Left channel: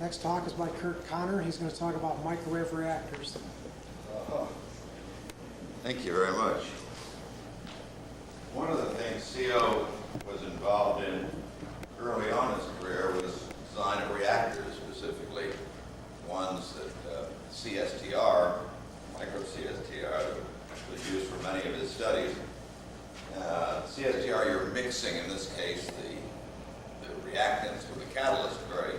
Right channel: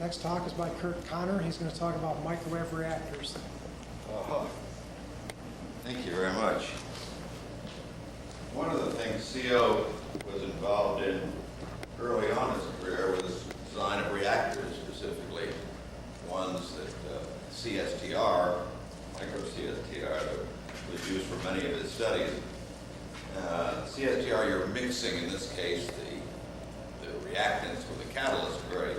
Next talk is by Curt Conner. He's going to talk about microwave reactors. Thank you very much. One of the things CO was involved in early on in his career was design of reactors, specifically ones that CSTR, micro CSTR, that was used for many of his studies. CSTR, you're mixing, in this case, the reactants with the catalyst very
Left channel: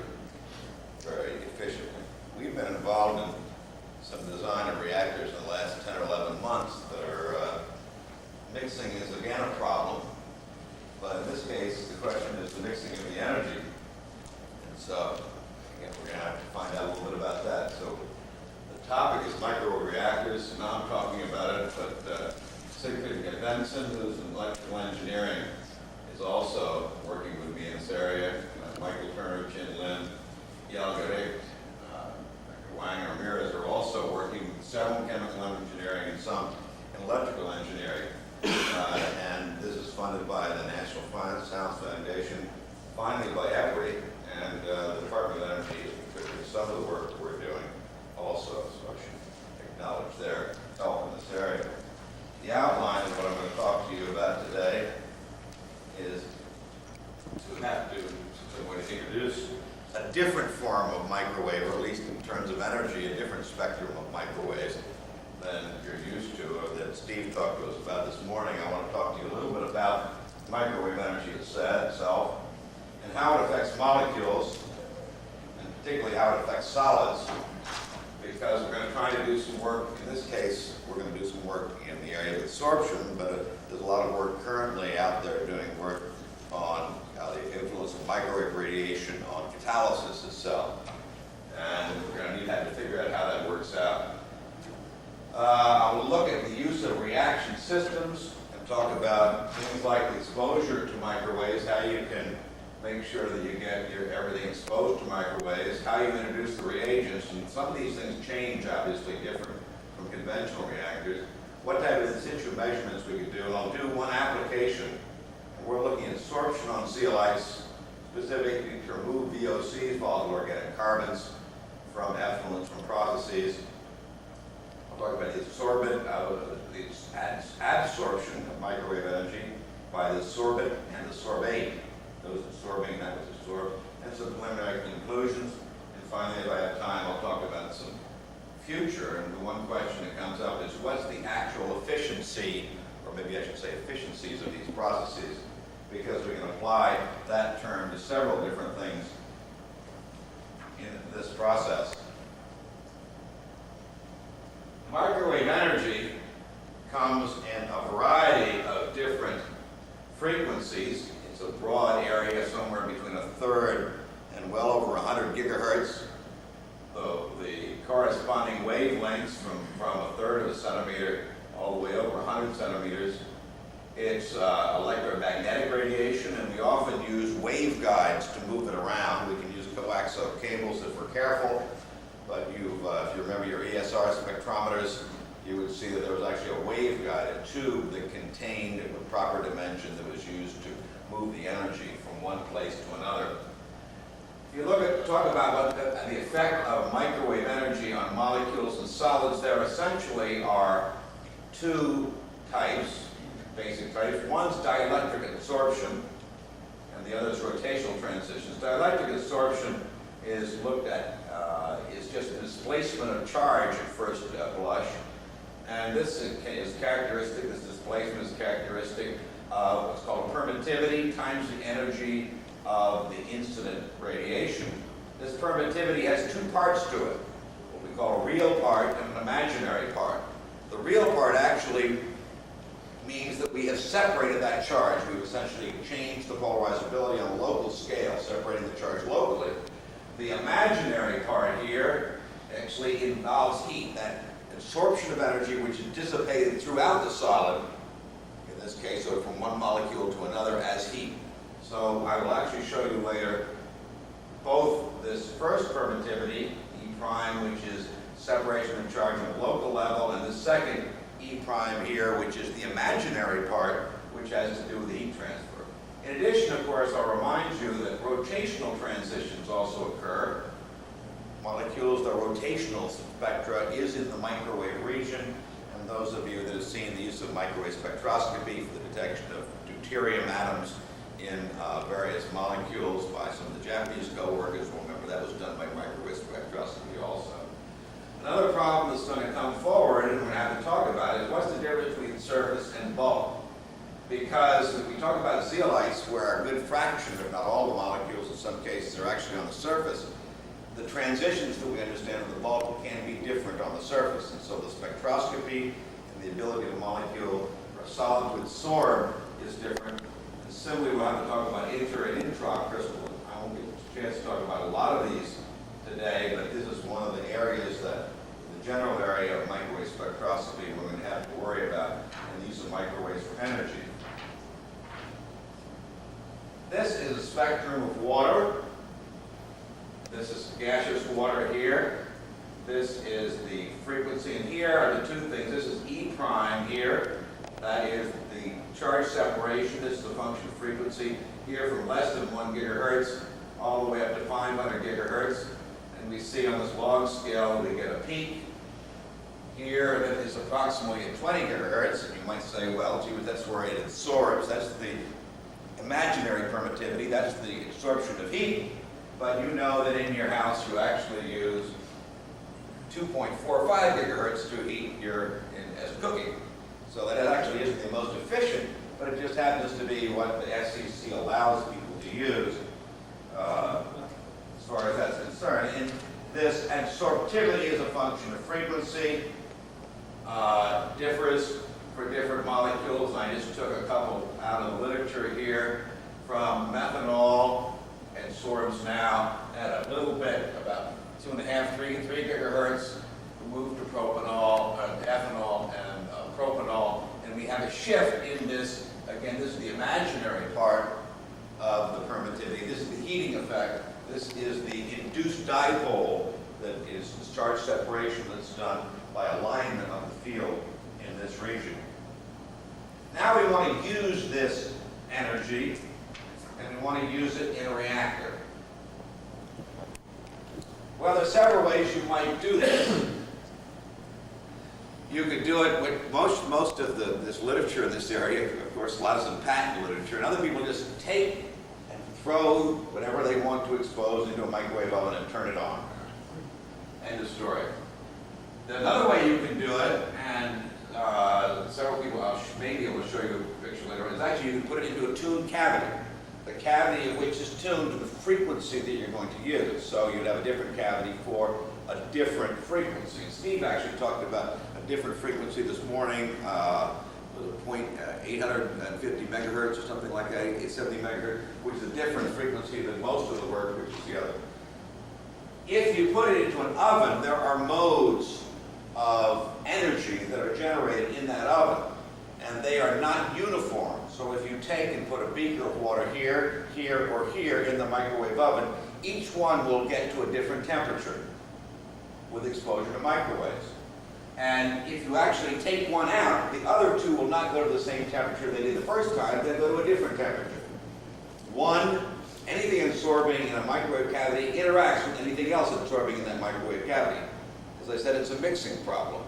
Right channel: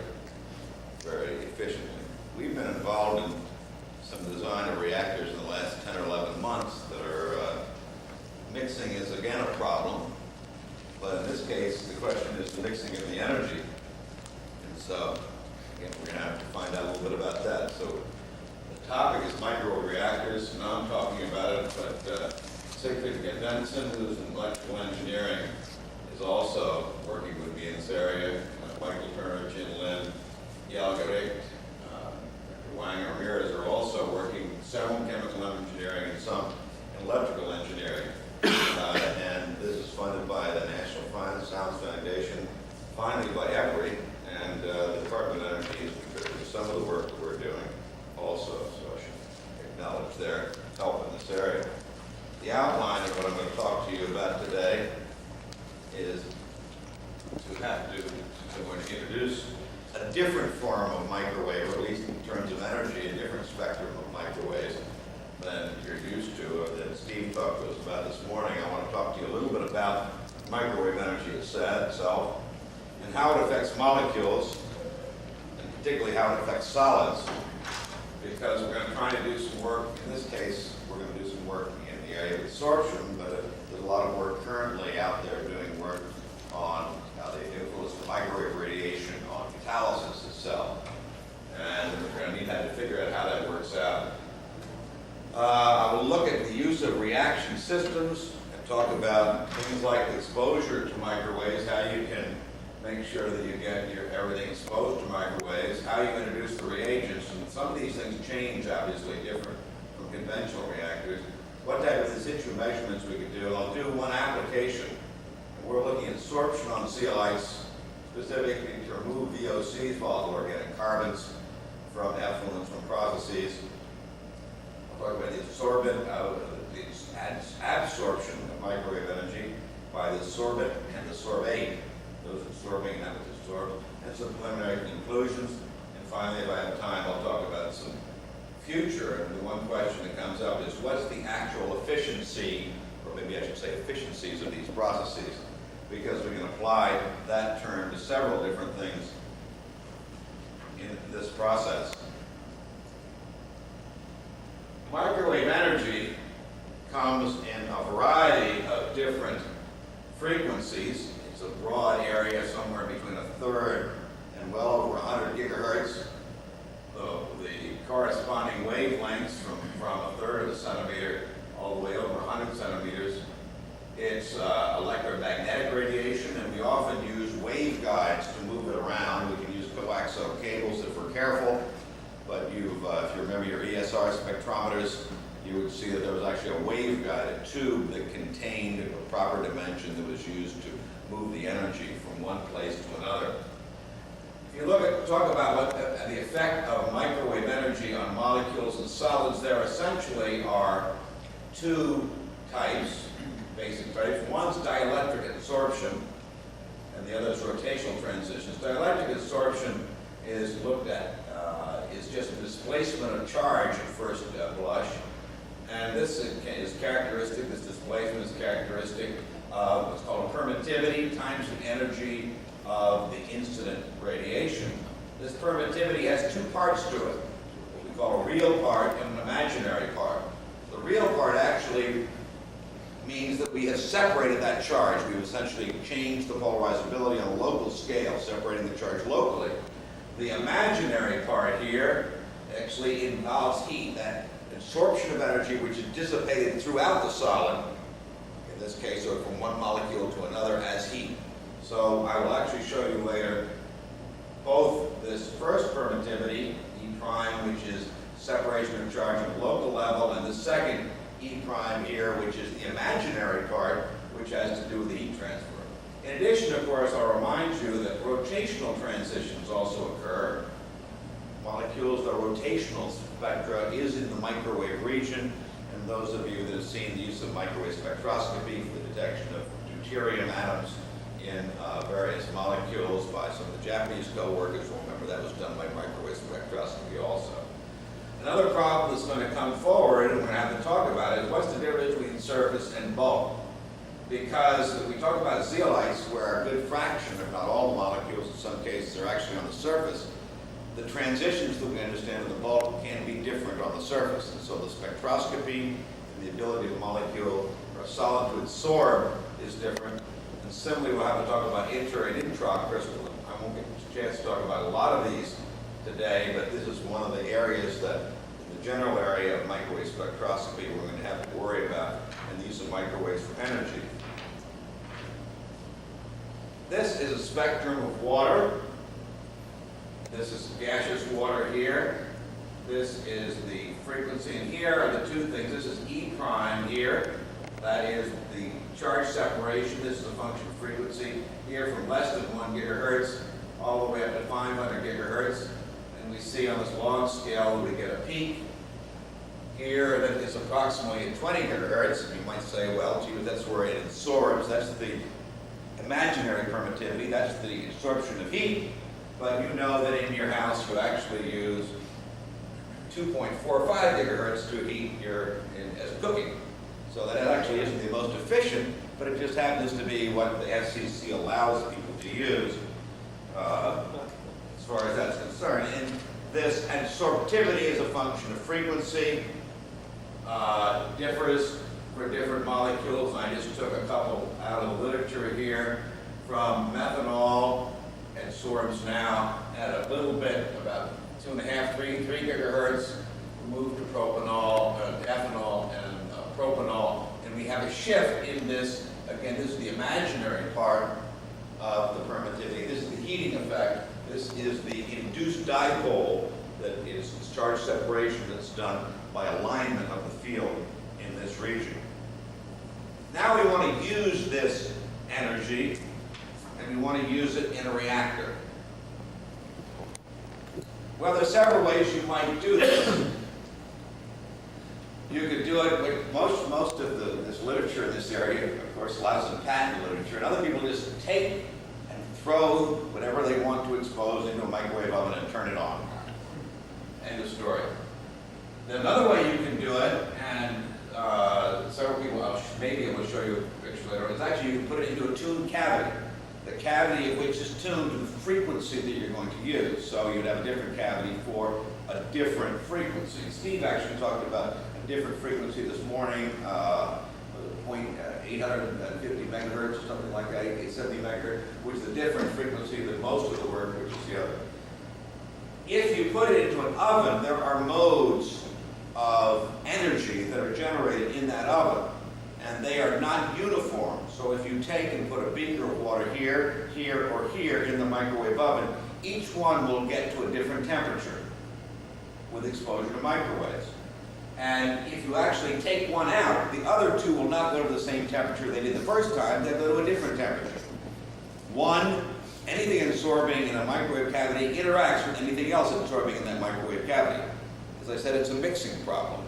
efficiently. We've been involved in some design of reactors in the last 10 or 11 months that are, mixing is again a problem, but in this case the question is the mixing of the energy. And so, again, we're going to have to find out a little bit about that. So the topic is microwave reactors. Now I'm talking about it, but Siegfried Gendensen, who's in electrical engineering, is also working with me in this area. Michael Turner, Chin Lin, Dielectric, Dr. Wang and Ramirez are also working some chemical engineering and some in electrical engineering. And this is funded by the National Science Foundation, finally by EPRI, and the Department of Energy is contributing some of the work that we're doing also, so I should acknowledge their help in this area. The outline of what I'm going to talk to you about today is I'm going to introduce a different form of microwave, or at least in terms of energy, a different spectrum of microwaves than you're used to, or that Steve talked to us about this morning. I want to talk to you a little bit about microwave energy itself, and how it affects molecules, and particularly how it affects solids, because we're going to try to do some work. In this case, we're going to do some work in the area of absorption, but there's a lot of work currently out there doing work on the influence of microwave radiation on catalysis itself. And we're going to have to figure out how that works out. I will look at the use of reaction systems and talk about things like exposure to microwaves, how you can make sure that you get everything exposed to microwaves, how you introduce the reagents, and some of these things change, obviously, different from conventional reactors. What type of in situ measurements we could do, and I'll do one application. And we're looking at absorption on zeolites, specifically to remove VOCs, volatile organic carbons, from effluents from processes. I'll talk about the absorption of microwave energy by the sorbent and the sorbate, those absorbing that which is absorbed, and some preliminary conclusions. And finally, if I have time, I'll talk about some future. And the one question that comes up is, what's the actual efficiency, or maybe I should say efficiencies of these processes, because we can apply that term to several different things in this process. Microwave energy comes in a variety of different frequencies. It's a broad area, somewhere between 1/3 and well over 100 gigahertz. The corresponding wavelengths from 1/3 of a centimeter all the way over 100 centimeters. It's electromagnetic radiation, and we often use waveguides to move it around. We can use coaxial cables if we're careful. But if you remember your ESR spectrometers, you would see that there was actually a waveguide, a tube that contained a proper dimension that was used to move the energy from one place to another. If you talk about what the effect of microwave energy on molecules and solids, there essentially are two types, basic types. One's dielectric absorption, and the other is rotational transitions. Dielectric absorption is looked at is just the displacement of charge at first blush, and this is characteristic. This displacement is characteristic of what's called permittivity times the energy of the incident radiation. This permittivity has two parts to it, what we call a real part and an imaginary part. The real part actually means that we have separated that charge. We've essentially changed the polarizability on a local scale, separating the charge locally. The imaginary part here actually involves heat, that absorption of energy which is dissipated throughout the solid, in this case, or from one molecule to another as heat. So I will actually show you later both this first permittivity, E prime, which is separation of charge at a local level, and the second E prime here, which is the imaginary part, which has to do with the heat transfer. In addition, of course, I'll remind you that rotational transitions also occur. molecules. The rotational spectra is in the microwave region, and those of you that have seen the use of microwave spectroscopy for the detection of deuterium atoms in various molecules by some of the Japanese co-workers will remember that was done by microwave spectroscopy also. Another problem that's going to come forward, and we're going to have to talk about it, is what's the difference between surface and bulk? Because we talk about zeolites, where a good fraction, if not all the molecules in some cases, are actually on the surface. The transitions that we understand in the bulk can be different on the surface. And so the spectroscopy and the ability of a molecule or a solid to absorb is different. And similarly, we'll have to talk about inter and intracrystalline. I won't get a chance to talk about a lot of these today, but this is one of the areas that, in the general area of microwave spectroscopy, we're going to have to worry about in the use of microwaves for energy. This is a spectrum of water. This is gaseous water here. This is the frequency, and here are the two things. This is E prime here. That is the charge separation. This is the function of frequency here from less than 1 gigahertz all the way up to 500 gigahertz. And we see on this long scale we get a peak here that is approximately at 20 gigahertz. And you might say, well, gee, that's where it absorbs. That's the imaginary permittivity. That's the absorption of heat. But you know that in your house you actually use 2.45 gigahertz to heat as cooking. So that actually isn't the most efficient, but it just happens to be what the SEC allows people to use as far as that's concerned. And this absorptivity is a function of frequency, differs for different molecules. I just took a couple out of the literature here from methanol, and absorbs now at a little bit, about 2.5, 3 gigahertz, moved to propanol, ethanol, and propanol, and we have a shift in this. Again, this is the imaginary part of the permittivity. This is the heating effect. This is the induced dipole that is charge separation that's done by alignment of the field in this region. Now we want to use this energy, and we want to use it in a reactor. Well, there's several ways you might do this. You could do it with most of this literature in this area, of course, a lot of some patent literature, and other people just take and throw whatever they want to expose into a microwave oven and turn it on. End of story. Another way you can do it, and several people, maybe I will show you a picture later on, is actually you can put it into a tuned cavity. The cavity of which is tuned to the frequency that you're going to use. So you'd have a different cavity for a different frequency. Steve actually talked about a different frequency this morning, 850 megahertz or something like that, 870 megahertz, which is a different frequency than most of the work, which is the other. If you put it into an oven, there are modes of energy that are generated in that oven, and they are not uniform. So if you take and put a beaker of water here, here, or here in the microwave oven, each one will get to a different temperature with exposure to microwaves. And if you actually take one out, the other two will not go to the same temperature they did the first time, they'll go to a different temperature. Anything absorbing in a microwave cavity interacts with anything else absorbing in that microwave cavity. As I said, it's a mixing problem.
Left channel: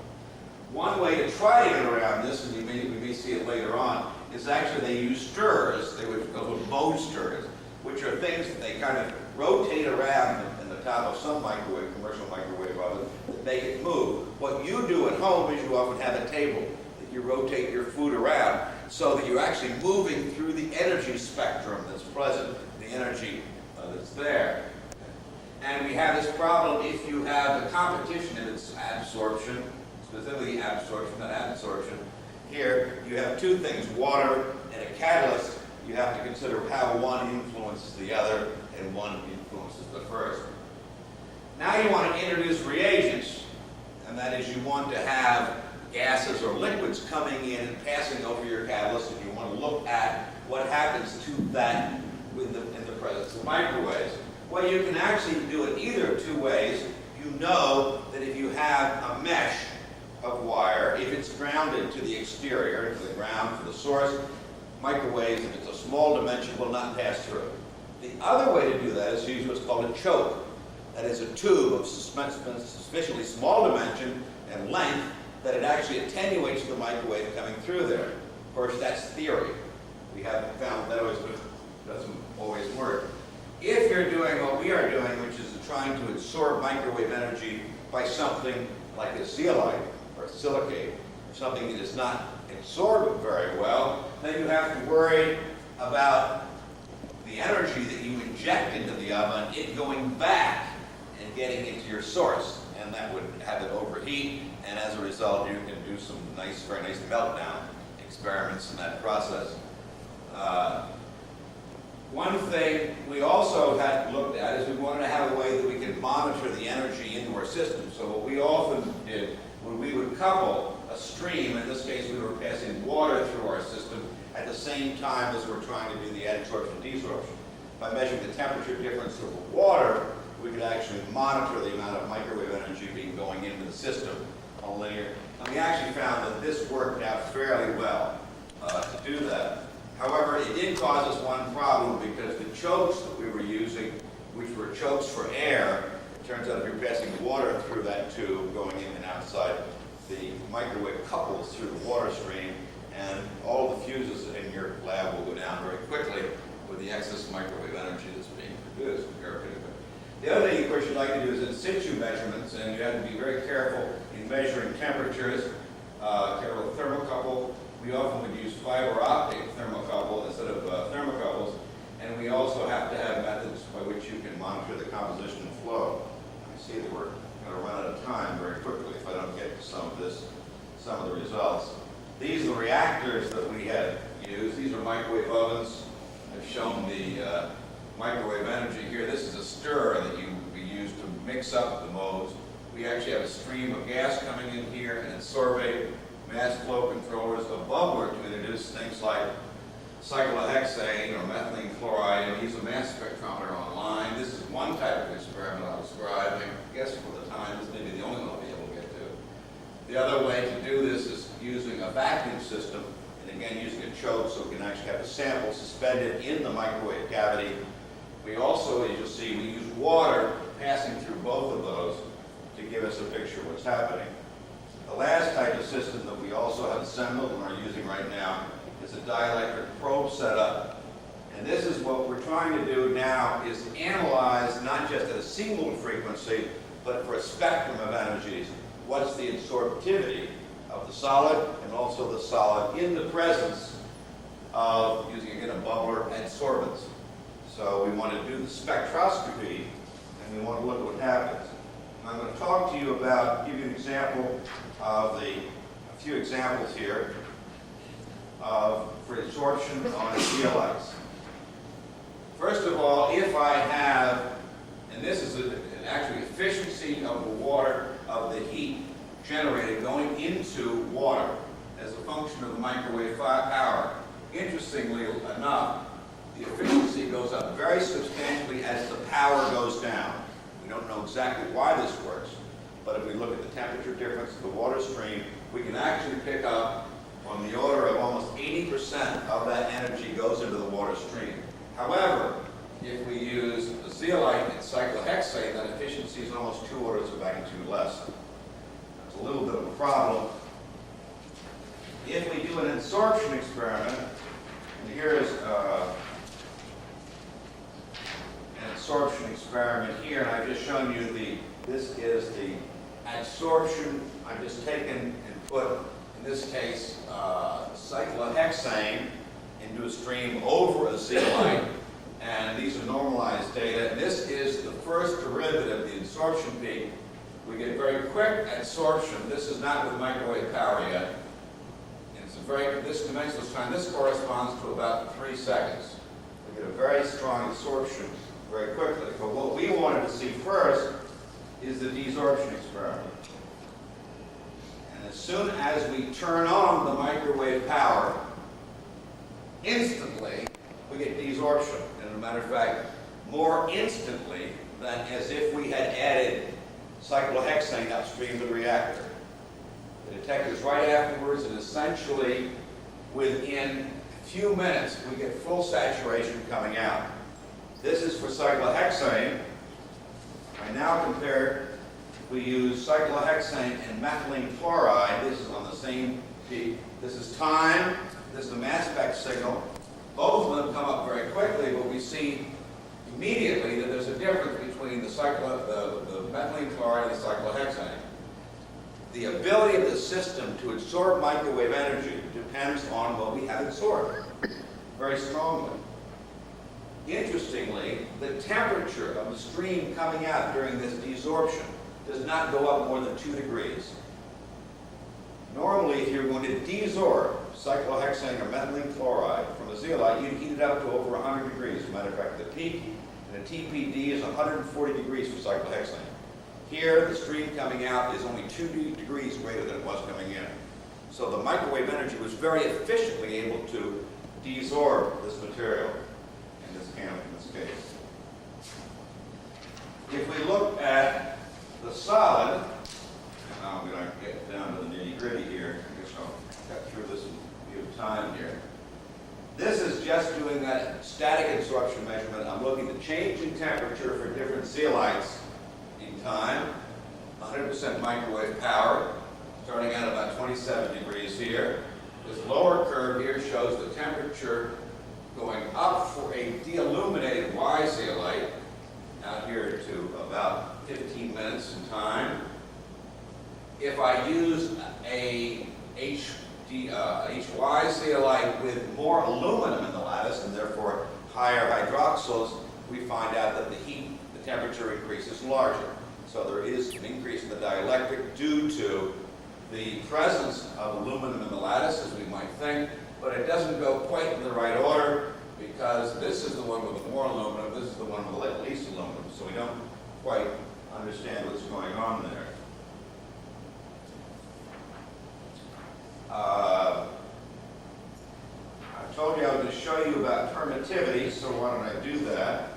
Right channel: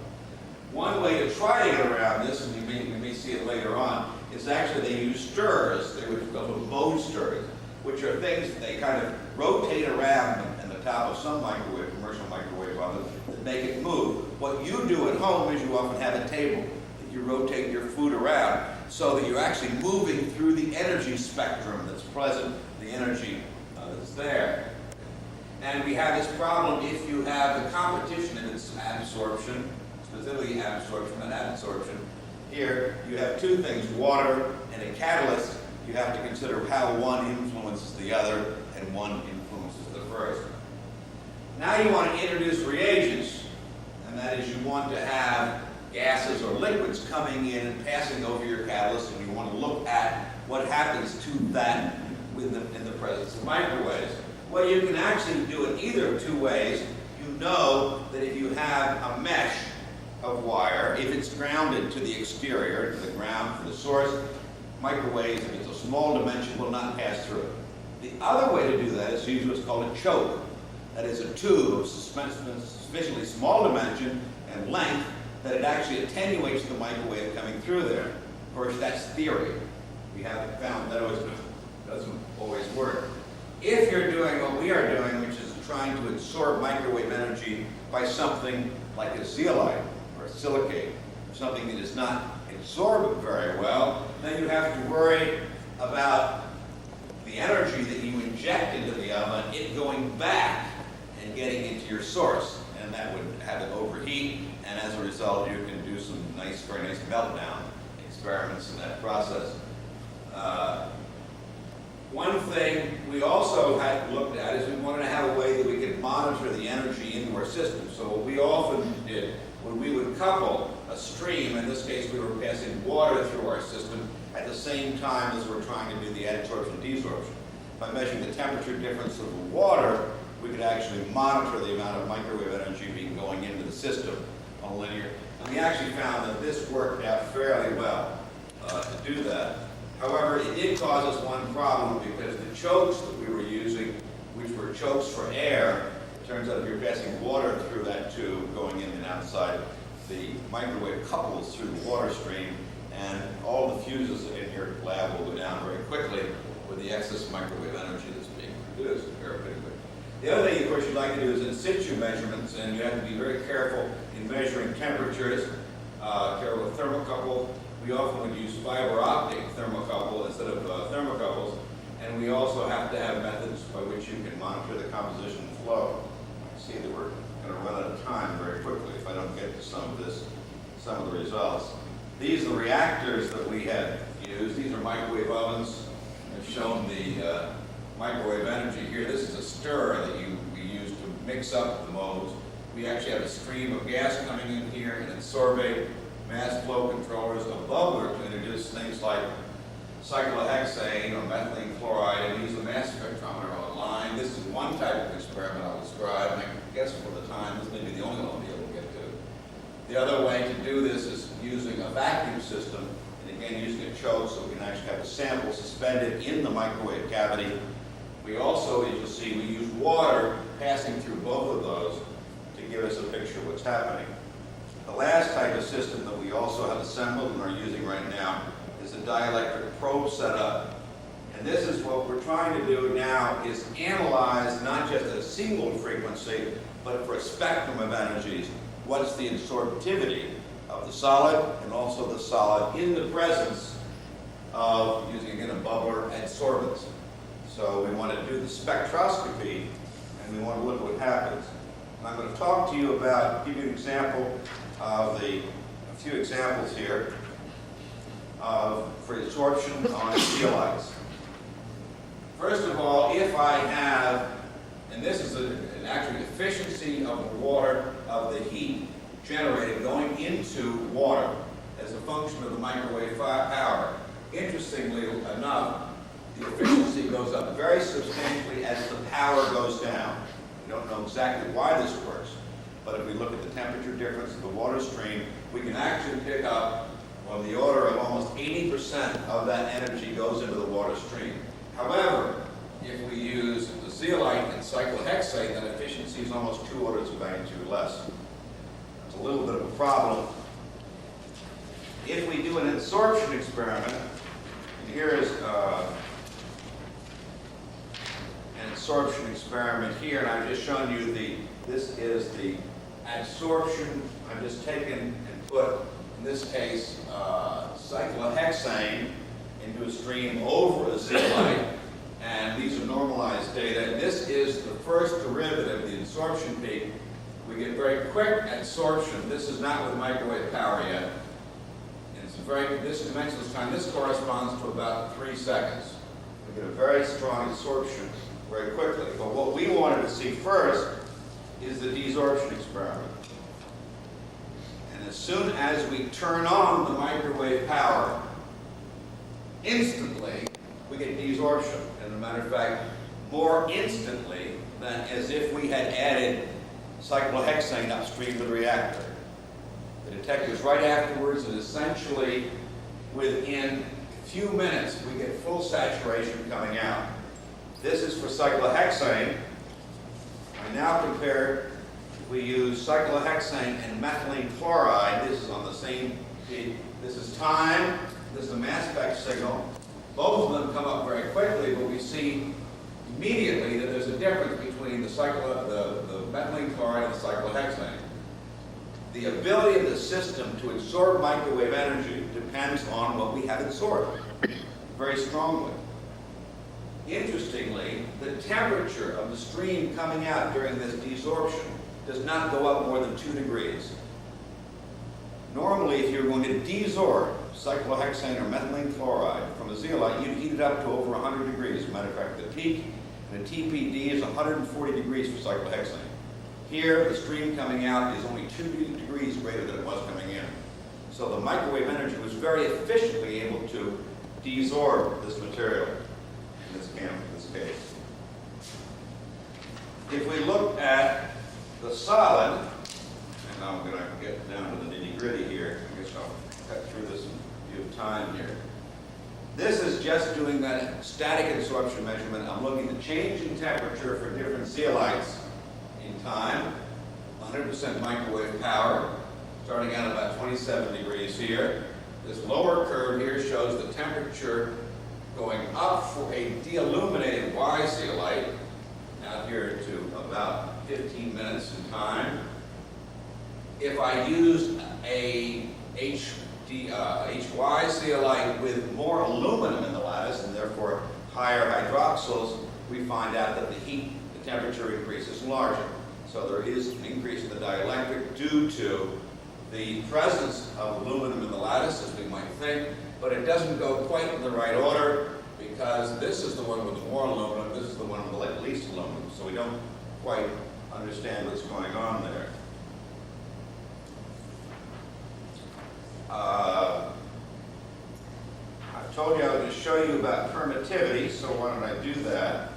One way to try to get around this, and we may see it later on, is actually they use stirrers. They would go with mode stirrers, which are things that they kind of rotate around in the top of some commercial microwave oven that make it move. What you do at home is you often have a table that you rotate your food around so that you're actually moving through the energy spectrum that's present, the energy that's there. And we have this problem if you have the competition in its absorption, specifically absorption, not adsorption. Here, you have two things, water and a catalyst. You have to consider how one influences the other and one influences the first. Now you want to introduce reagents, and that is you want to have gases or liquids coming in and passing over your catalyst, and you want to look at what happens to that in the presence of microwaves. Well, you can actually do it either of two ways. You know that if you have a mesh of wire, if it's grounded to the exterior, to the ground for the source, microwaves, if it's a small dimension, will not pass through. The other way to do that is to use what's called a choke. that is a tube of sufficiently small dimension and length that it actually attenuates the microwave coming through there. Of course, that's theory. We haven't found that it doesn't always work. If you're doing what we are doing, which is trying to absorb microwave energy by something like a zeolite or a silicate, or something that does not absorb it very well, then you have to worry about the energy that you inject into the oven, it going back and getting into your source. And that would have it overheat, and as a result, you can do some very nice meltdown experiments in that process. One thing we also had looked at is we wanted to have a way that we could monitor the energy into our system. So what we often did, when we would couple a stream, in this case we were passing water through our system at the same time as we're trying to do the adsorption and desorption. By measuring the temperature difference of the water, we could actually monitor the amount of microwave energy being going into the system on a linear. And we actually found that this worked out fairly well to do that. However, it did cause us one problem because the chokes that we were using, which were chokes for air, it turns out if you're passing water through that tube going in and outside, the microwave couples through the water stream, and all the fuses in your lab will go down very quickly with the excess microwave energy that's being produced very quickly. The other thing, of course, you'd like to do is in situ measurements, and you have to be very careful in measuring temperatures. Careful with thermocouple. We often would use fiber optic thermocouple instead of thermocouples, and we also have to have methods by which you can monitor the composition and flow. I see that we're going to run out of time very quickly if I don't get to some of the results. These are the reactors that we had used. These are microwave ovens. I've shown the microwave energy here. This is a stirrer that we use to mix up the modes. We actually have a stream of gas coming in here, and then sorbate, mass flow controllers, a bubbler to introduce things like cyclohexane or methylene chloride, and we use a mass spectrometer on the line. This is one type of experiment I'll describe, and I guess for the time, this may be the only one I'll be able to get to. The other way to do this is using a vacuum system, and again using a choke so we can actually have a sample suspended in the microwave cavity. We also, as you'll see, we use water passing through both of those to give us a picture of what's happening. The last type of system that we also have assembled and are using right now is a dielectric probe setup. And this is what we're trying to do now, is analyze not just at a single frequency, but for a spectrum of energies. What's the absorptivity of the solid and also the solid in the presence of, using again a bubbler, adsorbents. So we want to do the spectroscopy, and we want to look at what happens. And I'm going to talk to you about, give you an example of a few examples here for absorption on zeolites. First of all, if I have, and this is an actual efficiency of the water, of the heat generated going into water as a function of the microwave power. Interestingly enough, the efficiency goes up very substantially as the power goes down. We don't know exactly why this works, but if we look at the temperature difference of the water stream, we can actually pick up on the order of almost 80% of that energy goes into the water stream. However, if we use the zeolite and cyclohexane, that efficiency is almost 2 orders of magnitude less. That's a little bit of a problem. If we do an absorption experiment, and here is an absorption experiment here, and I've just shown you this is the adsorption. I've just taken and put, in this case, cyclohexane into a stream over a zeolite, and these are normalized data. And this is the first derivative, the absorption peak. We get very quick adsorption. This is not with microwave power yet. And it's this dimensionless time, this corresponds to about 3 seconds. We get a very strong absorption very quickly. But what we wanted to see first is the desorption experiment. And as soon as we turn on the microwave power, instantly we get desorption. And as a matter of fact, more instantly than as if we had added cyclohexane upstream to the reactor. The detector is right afterwards, and essentially within a few minutes we get full saturation coming out. This is for cyclohexane, I now compare, if we use cyclohexane and methylene chloride, this is on the same peak. This is time, this is the mass spec signal. Both of them come up very quickly, but we see immediately that there's a difference between the methylene chloride and the cyclohexane. The ability of the system to absorb microwave energy depends on what we have absorbed very strongly. Interestingly, the temperature of the stream coming out during this desorption does not go up more than 2 degrees. Normally, if you're going to desorb cyclohexane or methylene chloride from a zeolite, you'd heat it up to over 100 degrees. As a matter of fact, the peak in a TPD is 140 degrees for cyclohexane. Here, the stream coming out is only 2 degrees greater than it was coming in. So the microwave energy was very efficiently able to desorb this material in this case. If we look at the solid, and I'm going to get down to the nitty-gritty here. I guess I'll cut through this in view of time here. This is just doing that static absorption measurement. I'm looking at the change in temperature for different zeolites in time, 100% microwave power, starting out about 27 degrees here. This lower curve here shows the temperature going up for a deilluminated Y zeolite, out here to about 15 minutes in time. If I use a HY zeolite with more aluminum in the lattice and therefore higher hydroxyls, we find out that the temperature increase is larger. So there is an increase in the dielectric due to the presence of aluminum in the lattice, as we might think, but it doesn't go quite in the right order because this is the one with the more aluminum, this is the one with the least aluminum, so we don't quite understand what's going on there. I told you I was going to show you about permittivity, so why don't I do that?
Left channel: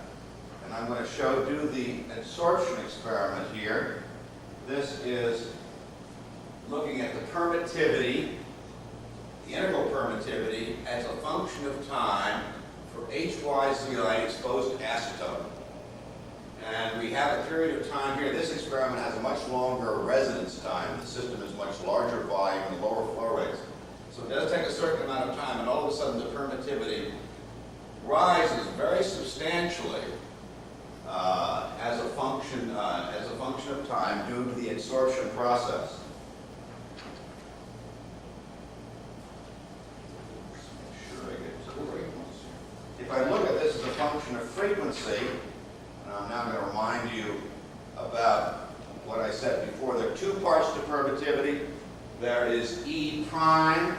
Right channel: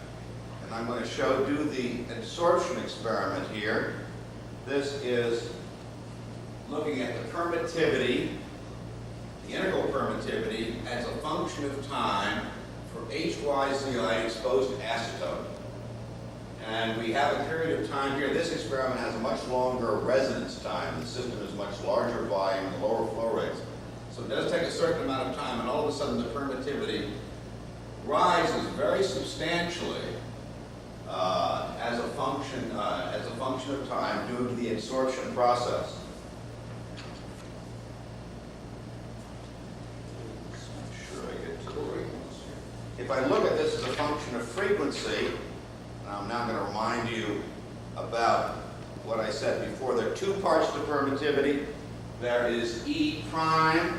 And I'm going to do the absorption experiment here. This is looking at the permittivity, the integral permittivity, as a function of time for HY zeolite exposed to acetone. And we have a period of time here. This experiment has a much longer residence time. The system is much larger volume and lower flow rates. So it does take a certain amount of time, and all of a sudden the permittivity rises very substantially as a function of time due to the absorption process. Let's make sure I get to the right ones here. If I look at this as a function of frequency, and I'm now going to remind you about what I said before. There are two parts to permittivity. There is E prime,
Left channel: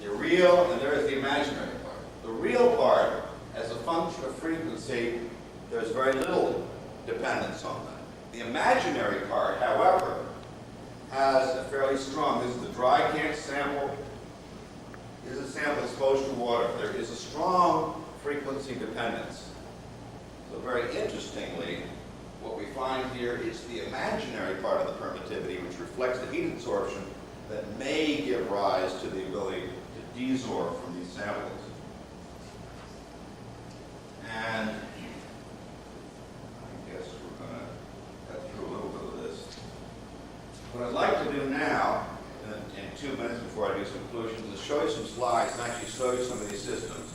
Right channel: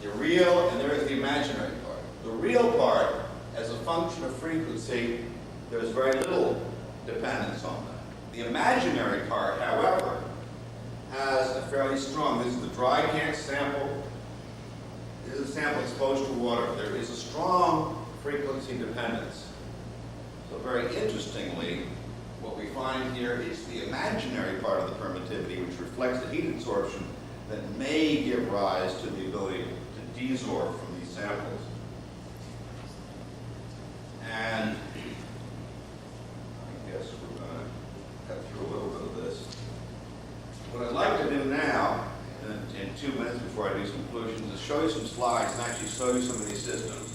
the real, and there is the imaginary part. The real part, as a function of frequency, there's very little dependence on that. The imaginary part, however, has a fairly strong, this is the dry can sample. This is a sample exposed to water. There is a strong frequency dependence. So very interestingly, what we find here is the imaginary part of the permittivity, which reflects the heat absorption that may give rise to the ability to desorb from these samples. And I guess we're going to cut through a little bit of this. What I'd like to do now, in 2 minutes before I do some conclusions, is show you some slides and actually show you some of these systems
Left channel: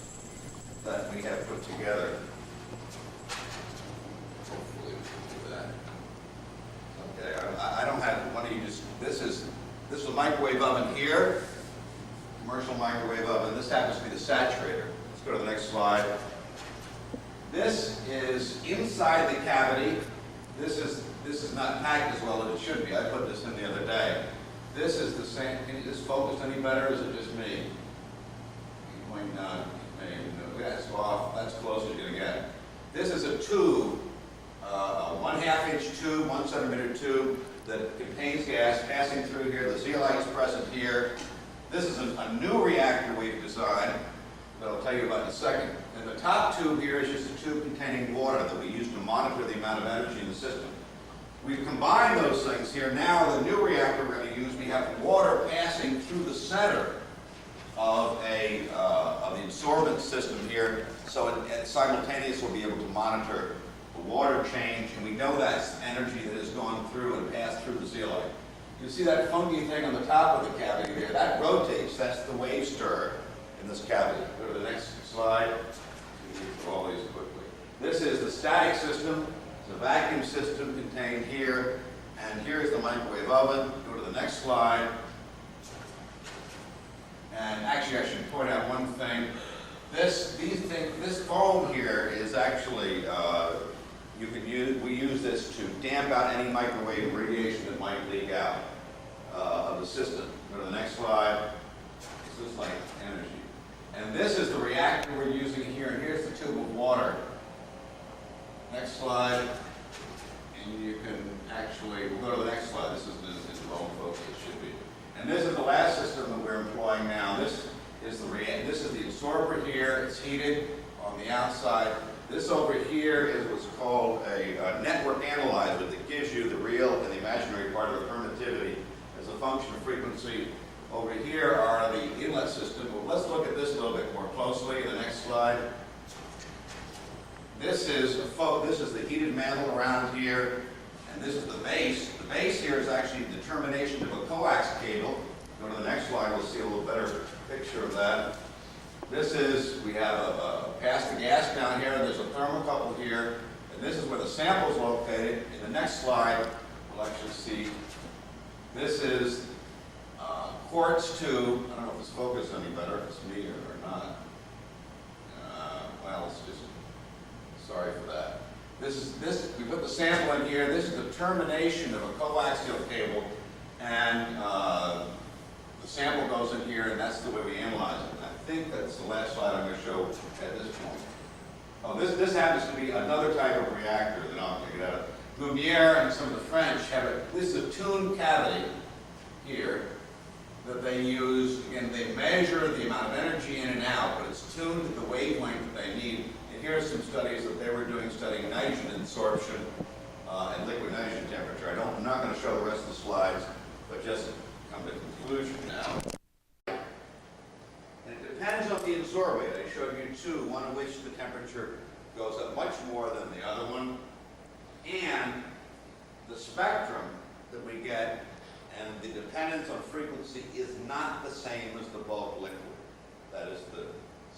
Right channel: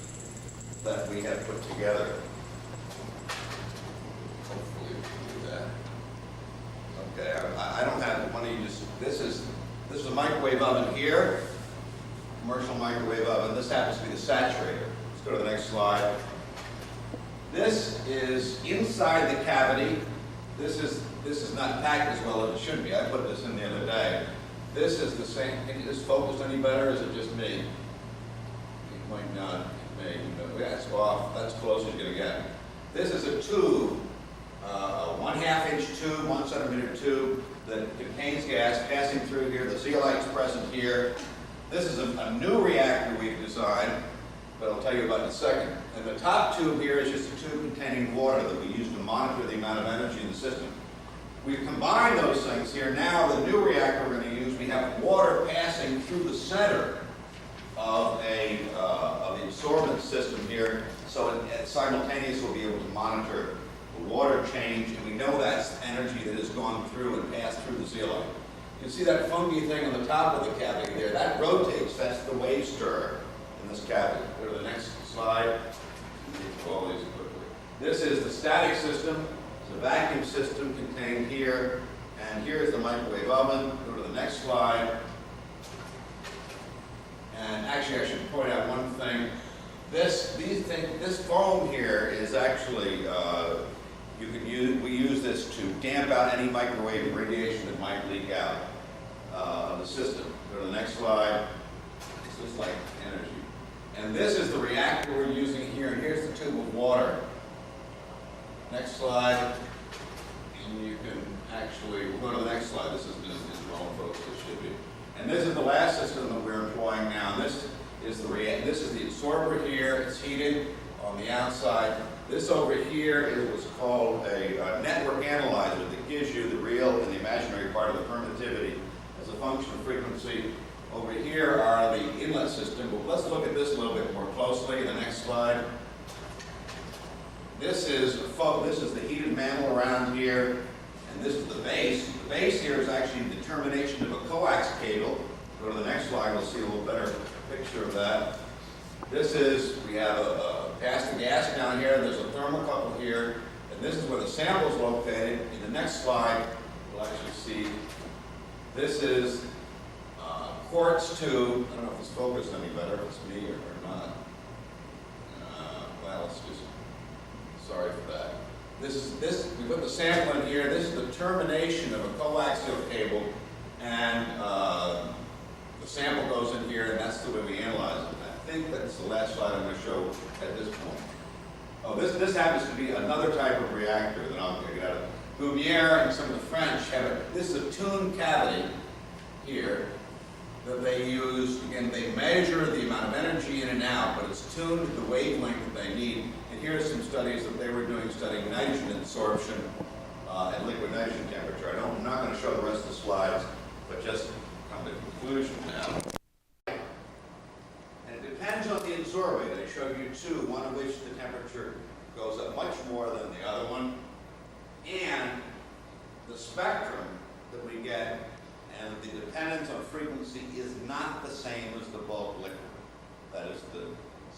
that we have put together. Hopefully we can do that. Okay, I don't have one of you just, this is a microwave oven here, commercial microwave oven. This happens to be the saturator. Let's go to the next slide. This is inside the cavity. This is not packed as well as it should be. I put this in the other day. This is the same. Can this focus any better, or is it just me? It might not. It may. Yeah, it's off. That's as close as you're going to get. This is a tube, a 1/2 inch tube, 1 centimeter tube that contains gas passing through here. The zeolite is present here. This is a new reactor we've designed, but I'll tell you about in a second. And the top tube here is just a tube containing water that we use to monitor the amount of energy in the system. We've combined those things here. Now the new reactor we're going to use, we have water passing through the center of the absorbent system here, so it simultaneously we'll be able to monitor the water change, and we know that's energy that has gone through and passed through the zeolite. You see that funky thing on the top of the cavity there, that rotates, that's the wave stir in this cavity. Go to the next slide. Let me get through all these quickly. This is the static system. It's a vacuum system contained here, and here's the microwave oven. Go to the next slide. And actually, I should point out one thing. This foam here is actually, we use this to damp out any microwave radiation that might leak out of the system. Go to the next slide. It's just like energy. And this is the reactor we're using here, and here's the tube of water. Next slide. And you can actually, we'll go to the next slide. This is wrong, folks, it should be. And this is the last system that we're employing now. This is the absorber here. It's heated on the outside. This over here is what's called a network analyzer that gives you the real and the imaginary part of the permittivity as a function of frequency. Over here are the inlet system, but let's look at this a little bit more closely in the next slide. This is the heated mantle around here, and this is the base. The base here is actually the termination of a coax cable. Go to the next slide, we'll see a little better picture of that. We have a pass the gas down here, there's a thermocouple here, and this is where the sample is located. In the next slide, we'll actually see, this is quartz tube. I don't know if it's focused any better, if it's me or not. Well, it's just, sorry for that. We put the sample in here. This is the termination of a coaxial cable, and the sample goes in here, and that's the way we analyze it. And I think that's the last slide I'm going to show at this point. Oh, this happens to be another type of reactor that I'll get out of. Lumiere and some of the French have it. This is a tuned cavity here that they use. Again, they measure the amount of energy in and out, but it's tuned to the wavelength that they need. And here are some studies that they were doing studying nitrogen absorption at liquid nitrogen temperature. I'm not going to show the rest of the slides, but just come to conclusion now. And it depends on the absorbate. I showed you two, one of which the temperature goes up much more than the other one. And the spectrum that we get and the dependence on frequency is not the same as the bulk liquid. That is, the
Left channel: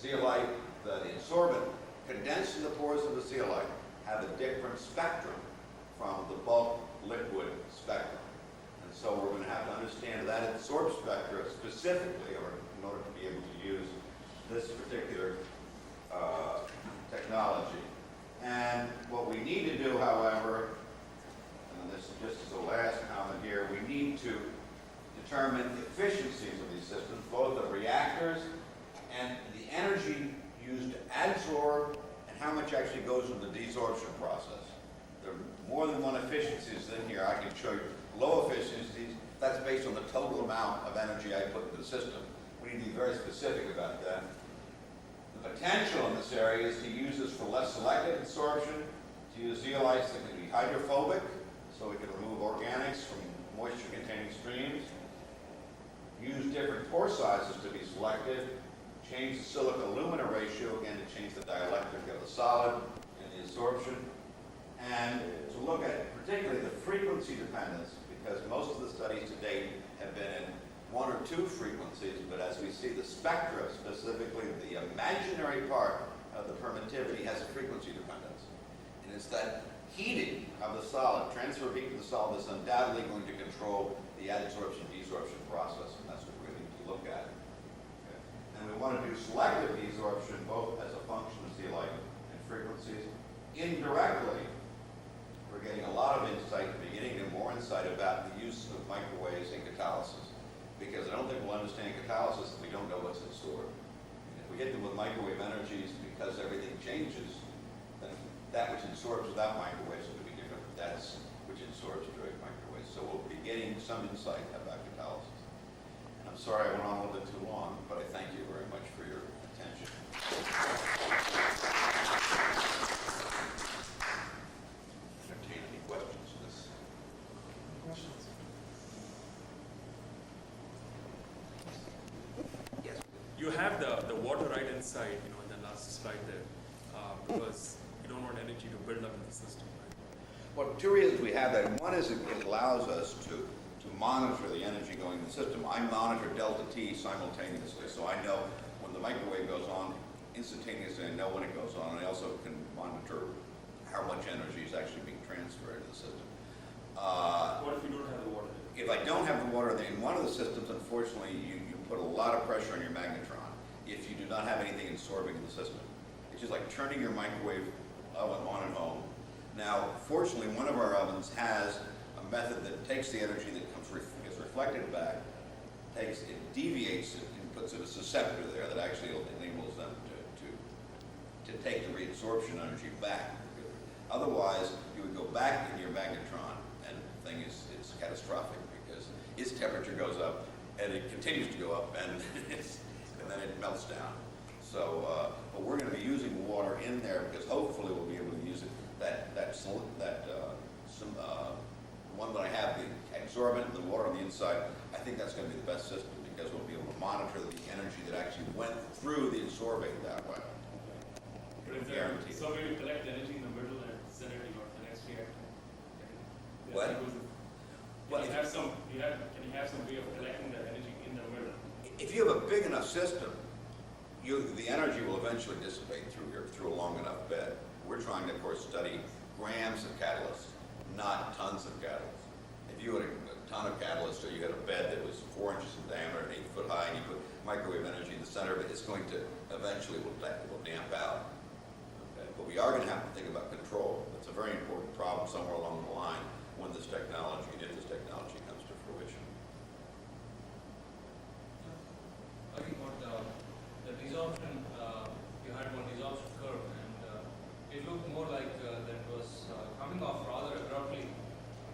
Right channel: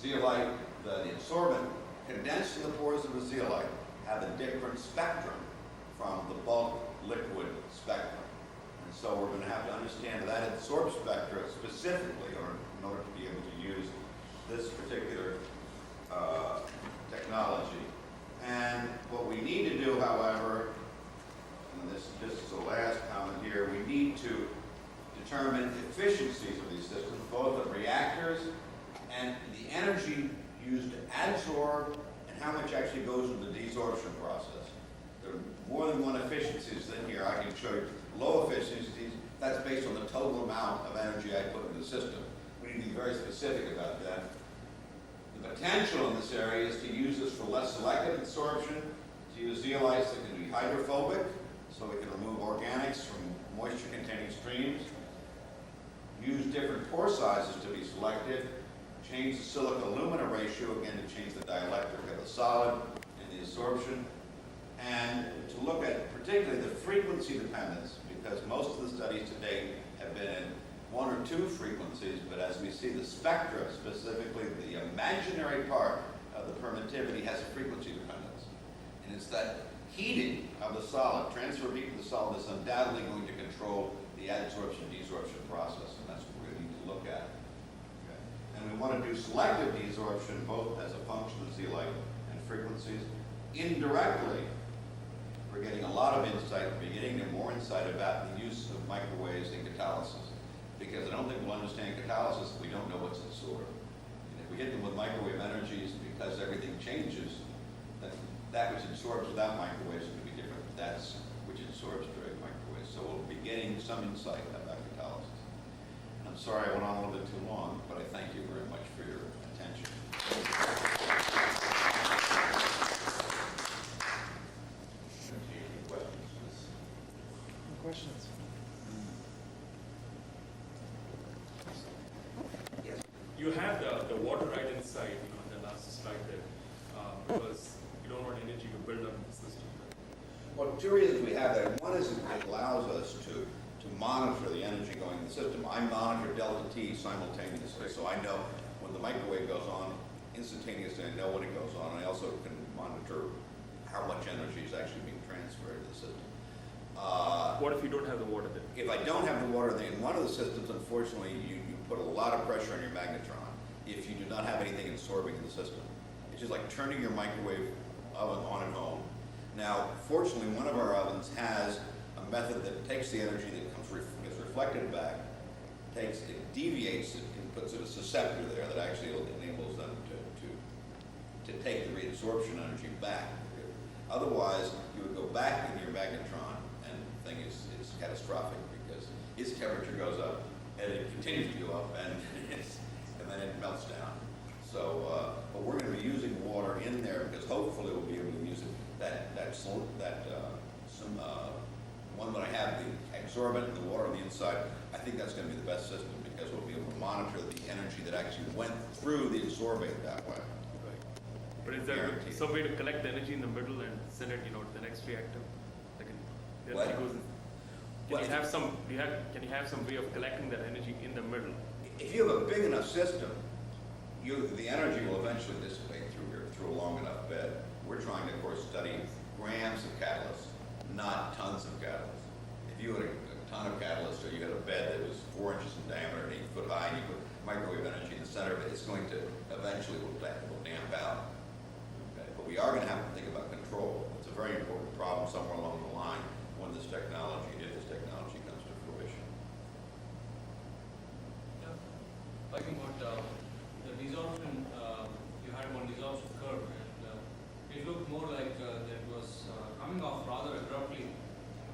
zeolite, the absorbent condensed in the pores of the zeolite have a different spectrum from the bulk liquid spectrum. And so we're going to have to understand that absorb spectra specifically in order to be able to use this particular technology. And what we need to do, however, and this just as a last comment here, we need to determine efficiencies of these systems, both the reactors and the energy used to adsorb and how much actually goes into the desorption process. There are more than one efficiencies in here. I can show you low efficiencies. That's based on the total amount of energy I put into the system. We need to be very specific about that. The potential in this area is to use this for less selective absorption, to use zeolites that can be hydrophobic, so we can remove organics from moisture-containing streams, use different pore sizes to be selective, change the silica-alumina ratio, again, to change the dielectric of the solid in the absorption, and to look at particularly the frequency dependence, because most of the studies to date have been in one or two frequencies, but as we see the spectra, specifically the imaginary part of the permittivity, has a frequency dependence. And it's that heating of the solid, transfer of heat to the solid, is undoubtedly going to control the adsorption-desorption process, and that's what we're going to need to look at. Okay. And we want to do selective desorption both as a function of zeolite and frequencies. Indirectly, we're getting a lot of insight, beginning to more insight about the use of microwaves in catalysis. Because I don't think we'll understand catalysis if we don't know what's absorbed. And if we hit them with microwave energies, because everything changes, then that which absorbs without microwaves is going to be different. That's which absorbs during microwaves. So we'll be getting some insight about catalysis. And I'm sorry I went on a little bit too long, but I thank you very much for your attention. Any questions? Questions? You have the water right inside, in the last slide there, because you don't want energy to build up in the system, right? Well, two reasons we have that. One is it allows us to monitor the energy going in the system. I monitor delta T simultaneously, so I know when the microwave goes on, instantaneously I know when it goes on. I also can monitor how much energy is actually being transferred to the system. What if you don't have the water then? If I don't have the water in one of the systems, unfortunately, you put a lot of pressure on your magnetron if you do not have anything absorbing in the system. It's just like turning your microwave oven on at home. Now, fortunately, one of our ovens has a method that takes the energy that gets reflected back, it deviates it and puts it as a scepter there that actually enables them to take the reabsorption energy back. Otherwise, you would go back in your magnetron, and the thing is catastrophic because its temperature goes up, and it continues to go up, and then it melts down. So, but we're going to be using water in there because hopefully we'll be able to use it. One that I have the absorbent and the water on the inside, I think that's going to be the best system because we'll be able to monitor the energy that actually went through the absorbate that way. But is there Guaranteed. some way to collect the energy in the middle and send it, to the next reactor? Like What? Well, can you have some way of collecting that energy in the middle? If you have a big enough system, the energy will eventually dissipate through a long enough bed. We're trying to, of course, study grams of catalyst, not tons of catalyst. If you had a ton of catalyst, or you had a bed that was 4 inches in diameter and 8 foot high, and you put microwave energy in the center of it, it's going to eventually will damp out. Okay? But we are going to have to think about control. It's a very important problem somewhere along the line when this technology, if this technology comes to fruition. Talking about the desorption, you had one desorption curve, and it looked more like that was coming off rather abruptly,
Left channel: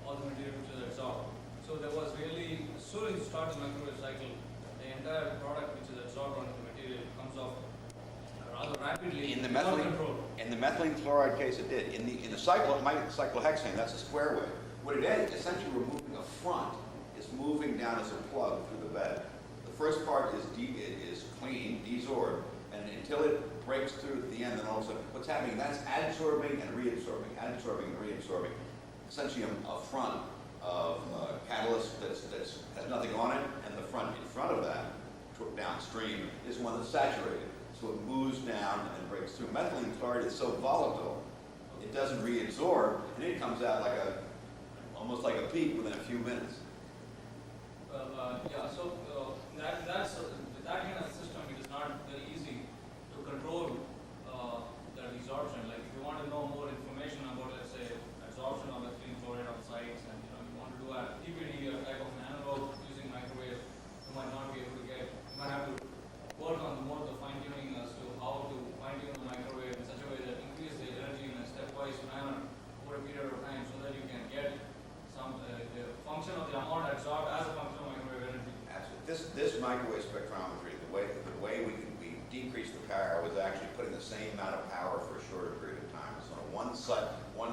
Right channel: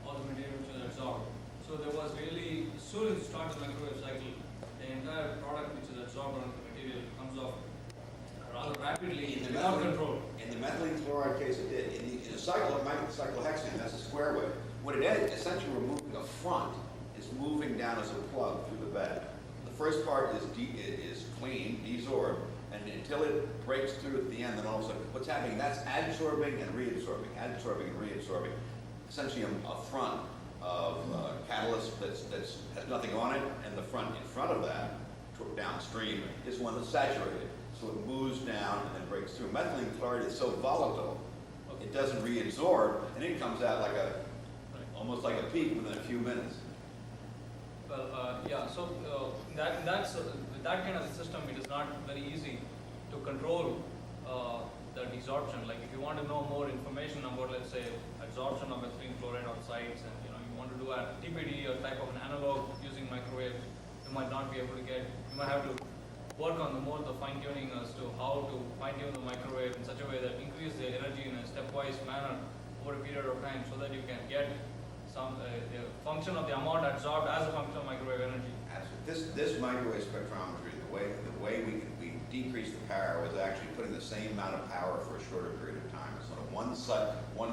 all the material which was absorbed. So there was really, as soon as you start the microwave cycle, the entire product which is absorbed onto the material comes off rather rapidly without control. In the methylene chloride case, it did. In the cyclohexane, that's a square wave. What it is, essentially removing a front, is moving down as a plug through the bed. The first part is clean, desorbed, and until it breaks through at the end, then all of a sudden, what's happening, that's adsorbing and reabsorbing. Essentially a front of catalyst that has nothing on it, and the front in front of that, downstream, is one that's saturated. So it moves down and then breaks through. Methylene chloride is so volatile, it doesn't reabsorb, and it comes out like almost like a peak within a few minutes. Well, yeah, so with that kind of system, it is not very easy to control the desorption. Like if you want to know more information about, let's say, absorption of methylene chloride on sites, and you want to do a TPD or type of an analog using microwave, you might not be able to get. You might have to work on more of the fine tuning as to how to fine tune the microwave in such a way that increase the energy in a stepwise manner over a period of time, so that you can get some the function of the amount absorbed as a function of microwave energy. Absolutely. This microwave spectrometry, the way we decrease the power was actually putting the same amount of power for a shorter period of time. It's on a 1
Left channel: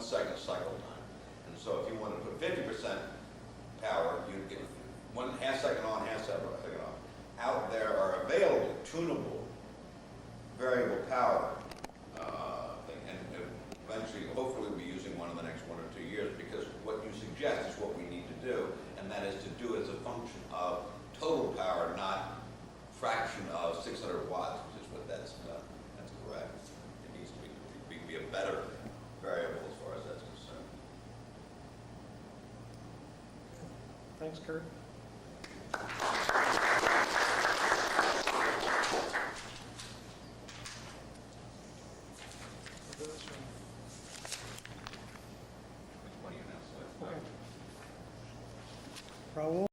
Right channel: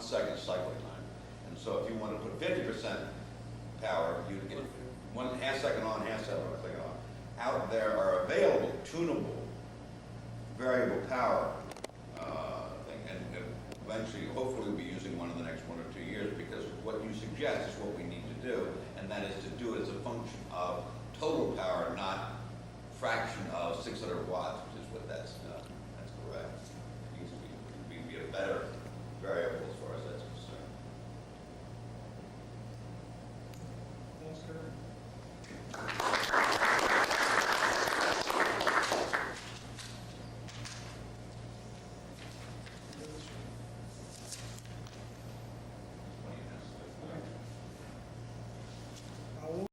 second cycle time. And so if you want to put 50% power, you'd get 1/2 second on, 1/2 second off. Out there are available tunable variable power thing, and eventually, hopefully, we'll be using one in the next 1 or 2 years, because what you suggest is what we need to do, and that is to do it as a function of total power, not fraction of 600 watts, which is what that's correct. It needs to be a better variable as far as that's concerned. Thanks, Curt.